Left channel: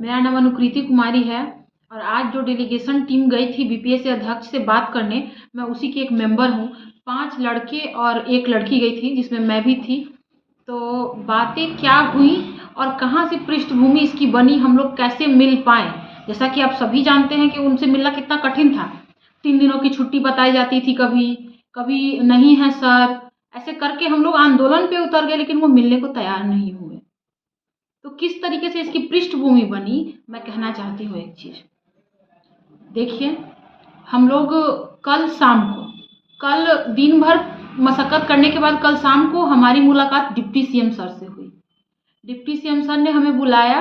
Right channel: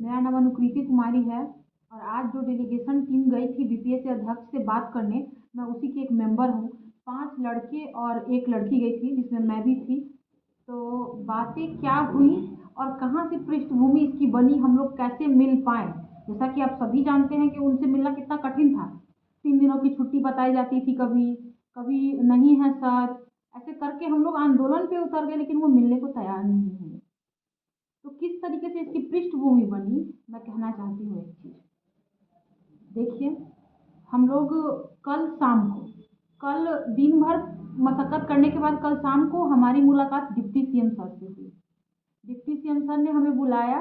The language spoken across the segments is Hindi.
मेरा नाम अनुकृति कुमारी है और आज जो डेलीगेशन टीम गई थी बीपीएससी अध्यक्ष से बात करने, मैं उसी की एक मेंबर हूँ। 5 लड़के और 1 लड़की गई थी जिसमें मैं भी थी। तो बातें क्या हुई और कहाँ से पृष्ठभूमि इसकी बनी, हम लोग कैसे मिल पाए। जैसा कि आप सभी जानते हैं कि उनसे मिलना कितना कठिन था। 3 दिनों की छुट्टी बताई जाती थी, कभी कभी नहीं है सर, ऐसे करके हम लोग आंदोलन पे उतर गए, लेकिन वो मिलने को तैयार नहीं हुए। तो किस तरीके से इसकी पृष्ठभूमि बनी, मैं कहना चाहती हूँ एक चीज़। देखिए, हम लोग कल दिन भर मशक्कत करने के बाद कल शाम को हमारी मुलाकात डिप्टी सीएम सर से हुई। डिप्टी सीएम सर ने हमें बुलाया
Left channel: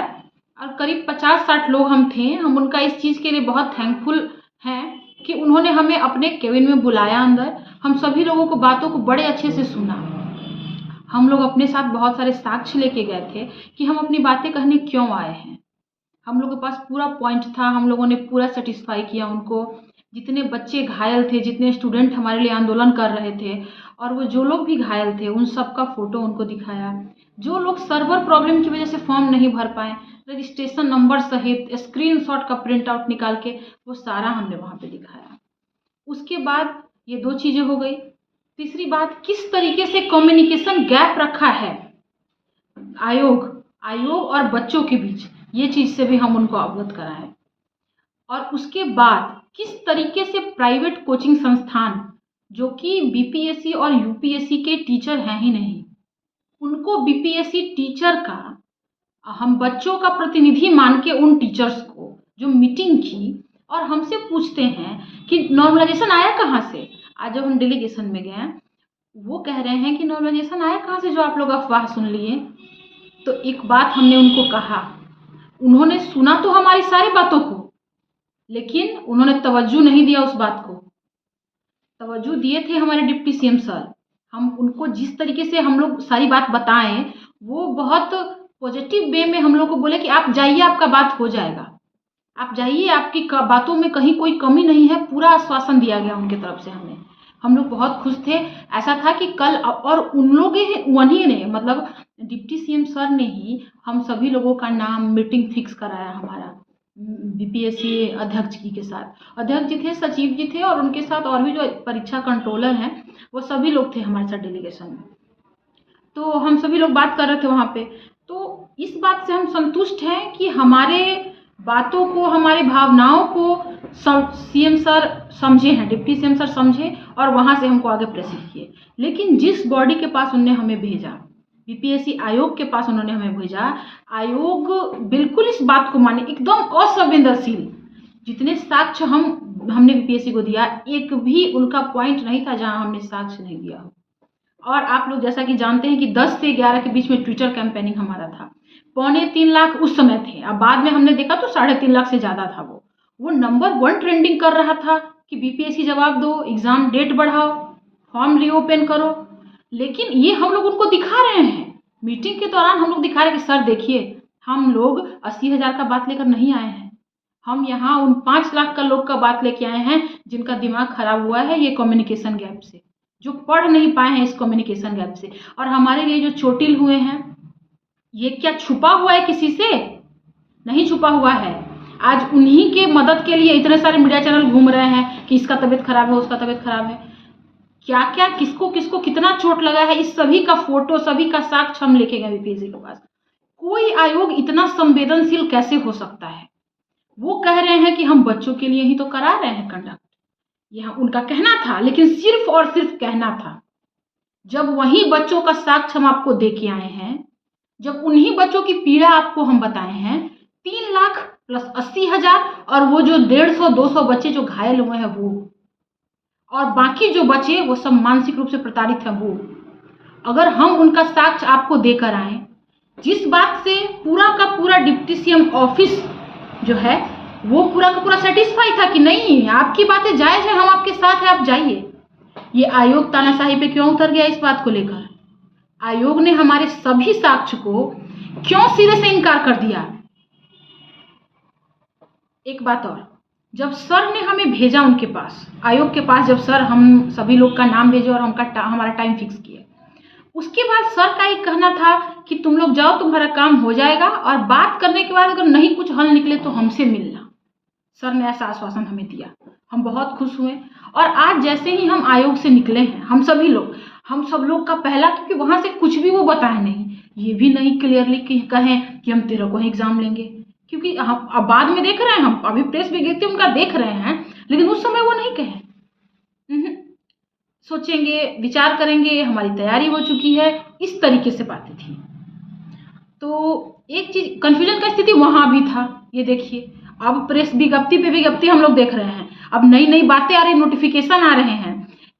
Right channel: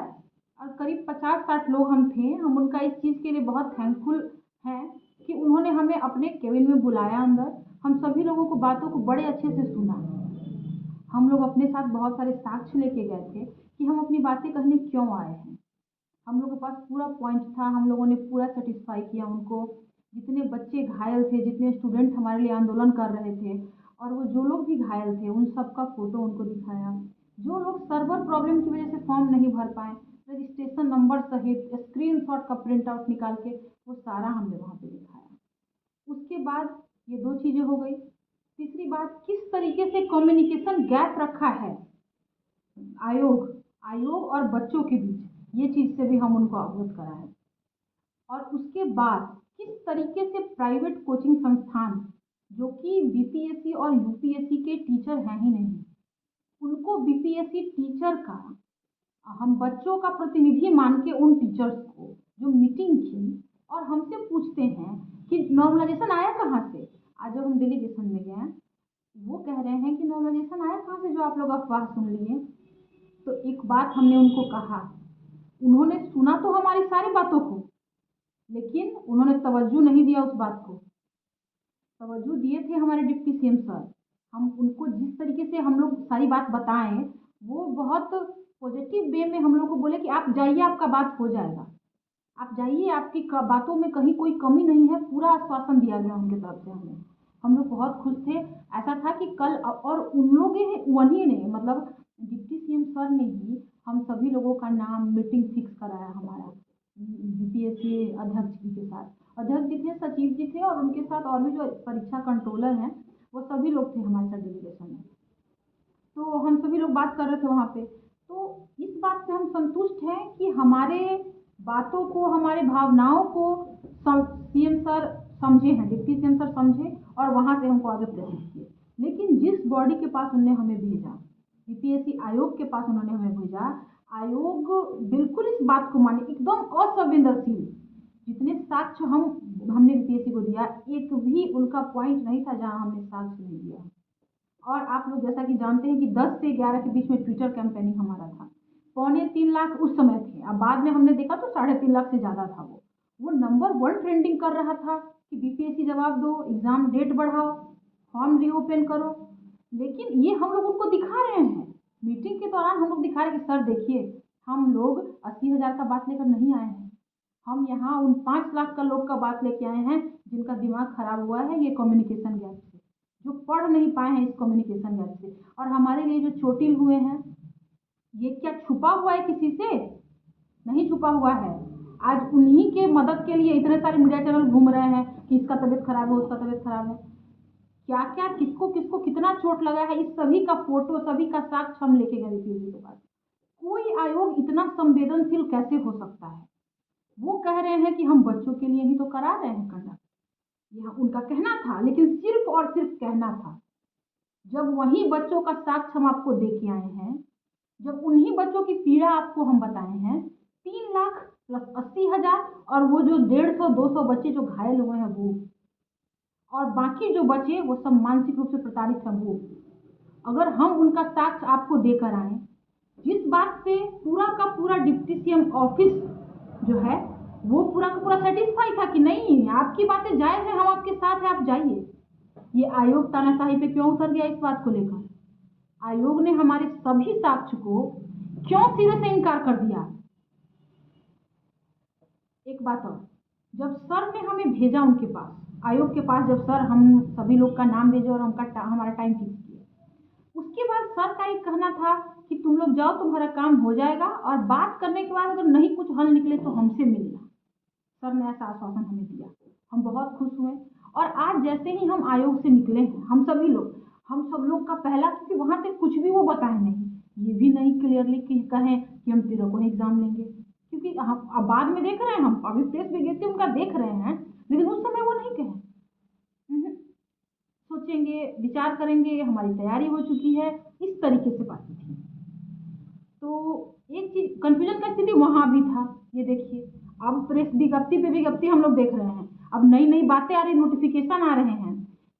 और करीब 50-60 लोग हम थे। हम उनका इस चीज़ के लिए बहुत थैंकफुल हैं कि उन्होंने हमें अपने केबिन में बुलाया अंदर। हम सभी लोगों को बातों को बड़े अच्छे से सुना। हम लोग अपने साथ बहुत सारे साक्ष्य लेके गए थे कि हम अपनी बातें कहने क्यों आए हैं। हम लोगों के पास पूरा पॉइंट था, हम लोगों ने पूरा सेटिस्फाई किया उनको। जितने बच्चे घायल थे, जितने स्टूडेंट हमारे लिए आंदोलन कर रहे थे और वो जो लोग भी घायल थे उन सब का फ़ोटो उनको दिखाया। जो लोग सर्वर प्रॉब्लम की वजह से फॉर्म नहीं भर पाए, रजिस्ट्रेशन नंबर सहित स्क्रीनशॉट का प्रिंट आउट निकाल के वो सारा हमने वहाँ पे दिखाया। उसके बाद ये 2 चीज़ें हो गई। तीसरी बात, किस तरीके से कम्युनिकेशन गैप रखा है आयोग और बच्चों के बीच, ये चीज़ से भी हम उनको अवगत कराएं। और उसके बाद किस तरीके से प्राइवेट कोचिंग संस्थान जो कि बीपीएससी और यूपीएससी के टीचर हैं ही नहीं, उनको बीपीएससी टीचर का हम बच्चों का प्रतिनिधि मान के उन टीचर्स को जो मीटिंग की और हमसे पूछते हैं कि नॉर्मलाइजेशन आया कहाँ से। आज जब हम डेलीगेशन में गए, वो कह रहे हैं कि नॉर्मलाइजेशन आया कहाँ से जो आप लोग अफवाह सुन लिए। तो एक बात हमने उनको कहा, उन्होंने सुना तो हमारी सारी बातों को, लेकिन उन्होंने तवज्जो नहीं दिया उस बात को। तवज्जो दिए थे हमारे डिप्टी सीएम सर। हम उनको जिस तरीके से हम लोग सारी बात बताएं, वो बहुत पॉजिटिव वे में हम लोग को बोले कि आप जाइए, आपका बात हो जाएगा, आप जाइए, आपकी बातों में कहीं कोई कमी नहीं है, पूरा आश्वासन दिया गया उनकी तरफ से हमें। हम लोग बहुत खुश थे। ऐसा था कि कल और उन लोग उन्हीं ने, मतलब डिप्टी सीएम सर ने ही हम सभी लोगों का नाम मीटिंग फिक्स कराया हमारा बीपीएससी अध्यक्ष जी के साथ। अध्यक्ष जी थे, सचिव जी थे और उनके साथ और भी जो परीक्षा कंट्रोलर हैं वो सभी लोग थे हमारे साथ डेलीगेशन में। तो हम सभी लोग बात कर रहे थे वहाँ पे। तो इस बात से हम संतुष्ट हैं कि हमारे बातों को, हमारी भावनाओं को सीएम सर समझे हैं, डिप्टी सीएम सर समझे और वहाँ से हमको आगे प्रेसित किए। लेकिन जिस बॉडी के पास उन्होंने हमें भेजा, बीपीएससी आयोग के पास उन्होंने हमें भेजा, आयोग बिल्कुल इस बात को माने, एकदम असंवेदनशील। जितने साक्ष्य हमने बीपीएससी को दिया, एक भी उनका पॉइंट नहीं था जहाँ हमने साक्ष्य नहीं दिया हो। और आप लोग जैसा कि जानते हैं कि 10 से 11 के बीच में ट्विटर कैंपेनिंग हमारा था। 2.25 लाख उस समय थे, अब बाद में हमने देखा तो 3.5 लाख से ज़्यादा था। वो नंबर 1 ट्रेंडिंग कर रहा था कि बीपीएससी जवाब दो, एग्ज़ाम डेट बढ़ाओ, फॉर्म रीओपन करो। लेकिन ये हम लोग उनको दिखा रहे हैं, मीटिंग के दौरान हम लोग दिखा रहे हैं कि सर देखिए, हम लोग 80,000 का बात लेकर नहीं आए हैं, हम यहाँ उन 5 लाख का लोग का बात लेके आए हैं जिनका दिमाग खराब हुआ है ये कम्युनिकेशन गैप से, जो पढ़ नहीं पाए हैं इस कम्युनिकेशन गैप से। और हमारे लिए जो चोटिल हुए हैं, ये क्या छुपा हुआ है किसी से? नहीं छुपा हुआ है। आज उन्हीं के मदद के लिए इतने सारे मीडिया चैनल घूम रहे हैं कि इसका तबीयत खराब है, उसका तबीयत खराब है, क्या क्या किसको किसको कितना चोट लगा है, इस सभी का फोटो, सभी का साक्ष्य हम लेके गए बीपीएससी के पास। कोई आयोग इतना संवेदनशील कैसे हो सकता है? वो कह रहे हैं कि हम बच्चों के लिए ही तो करा रहे हैं कंडक्ट, यह उनका कहना था, लेकिन सिर्फ और सिर्फ कहना था। जब वही बच्चों का साक्ष्य हम आपको दे के आए हैं, जब उन्हीं बच्चों की पीड़ा आपको हम बताए हैं, 3 लाख प्लस 80,000 और वो जो 150-200 बच्चे जो घायल हुए हैं वो, और बाकी जो बचे वो सब मानसिक रूप से प्रताड़ित हैं वो, अगर हम उनका साक्ष्य आपको देकर आए, जिस बात से पूरा का पूरा डिप्टी सीएम ऑफिस जो है वो पूरा का पूरा सेटिस्फाई था कि नहीं, आपकी बातें जायज़ है, हम आपके साथ हैं, आप जाइए। ये आयोग तानाशाही पे क्यों उतर गया? इस बात को लेकर आयोग ने हमारे सभी साक्ष्य को क्यों सिरे से इनकार कर दिया? एक बात और, जब सर ने हमें भेजा उनके पास, आयोग के पास, जब सर हम सभी लोग का नाम भेजे और हमारा टाइम फिक्स किए, उसके बाद सर का एक कहना था कि तुम लोग जाओ, तुम्हारा काम हो जाएगा, और बात करने के बाद अगर नहीं कुछ हल निकले तो हमसे मिलना। सर ने ऐसा आश्वासन हमें दिया। हम बहुत खुश हुए। और आज जैसे ही हम आयोग से निकले हैं, हम सब लोग का पहला, क्योंकि वहाँ से कुछ भी वो बताए नहीं, ये भी नहीं क्लियरली कहें कि हम 13 को ही एग्जाम लेंगे, क्योंकि हम अब बाद में देख रहे हैं, हम अभी प्रेस विज्ञप्ति उनका देख रहे हैं, लेकिन उस समय वो नहीं कहे। सोचेंगे, विचार करेंगे, हमारी तैयारी हो चुकी है, इस तरीके से बातें थी। तो एक चीज कंफ्यूजन का स्थिति वहां भी था। ये देखिए, अब प्रेस विज्ञप्ति पे विज्ञप्ति हम लोग देख रहे हैं, अब नई नई बातें आ रही, नोटिफिकेशन आ रहे हैं।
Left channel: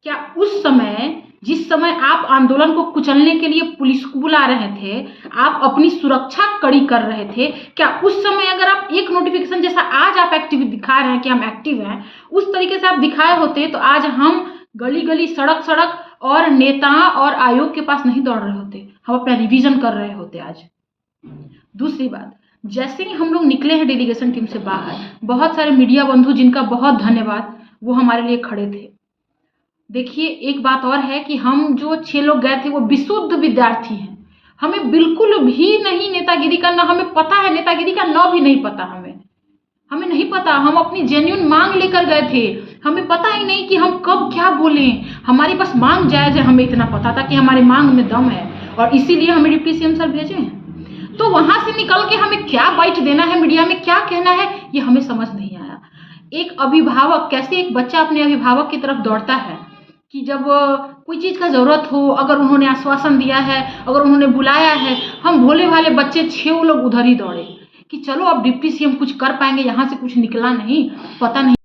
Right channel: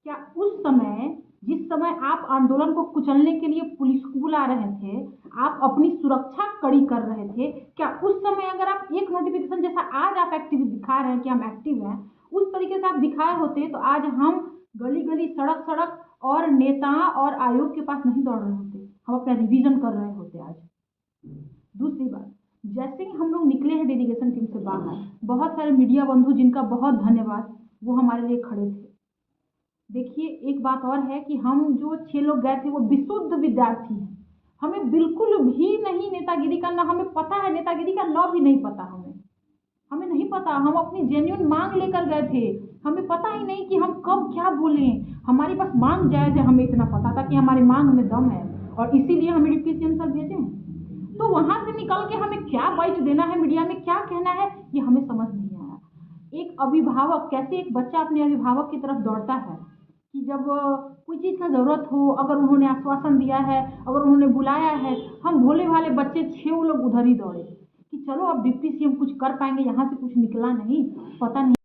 क्या उस समय, जिस समय आप आंदोलन को कुचलने के लिए पुलिस को बुला रहे थे, आप अपनी सुरक्षा कड़ी कर रहे थे, क्या उस समय अगर आप एक नोटिफिकेशन जैसा आज आप एक्टिव दिखा रहे हैं कि हम एक्टिव हैं, उस तरीके से आप दिखाए होते तो आज हम गली गली, सड़क सड़क और नेता और आयोग के पास नहीं दौड़ रहे होते, हम अपना रिवीजन कर रहे होते आज। दूसरी बात, जैसे ही हम लोग निकले हैं डेलीगेशन टीम से बाहर, बहुत सारे मीडिया बंधु, जिनका बहुत धन्यवाद, वो हमारे लिए खड़े थे। देखिए, एक बात और है कि हम जो 6 लोग गए थे वो विशुद्ध विद्यार्थी हैं, हमें बिल्कुल भी नहीं नेतागिरी का, ना हमें पता है नेतागिरी का, ना भी नहीं पता हमें नहीं पता। हम अपनी जेन्युइन मांग लेकर गए थे, हमें पता ही नहीं कि हम कब क्या बोलें। हमारे पास मांग जायज है, हमें इतना पता था कि हमारी मांग में दम है, और इसीलिए हमें डिप्टी सीएम सर भेजे हैं। तो वहां से निकल के हमें क्या बाइट देना है, मीडिया में क्या कहना है, ये हमें समझ नहीं आया। एक अभिभावक, कैसे एक बच्चा अपने अभिभावक की तरफ दौड़ता है कि जब कोई चीज़ का ज़रूरत हो, अगर उन्होंने आश्वासन दिया है, अगर उन्होंने बुलाया है, हम भोले भाले बच्चे 6 लोग उधर ही दौड़े कि चलो अब डिप्टी सीएम कुछ कर पाएंगे, यहाँ से कुछ निकला नहीं, पता नहीं।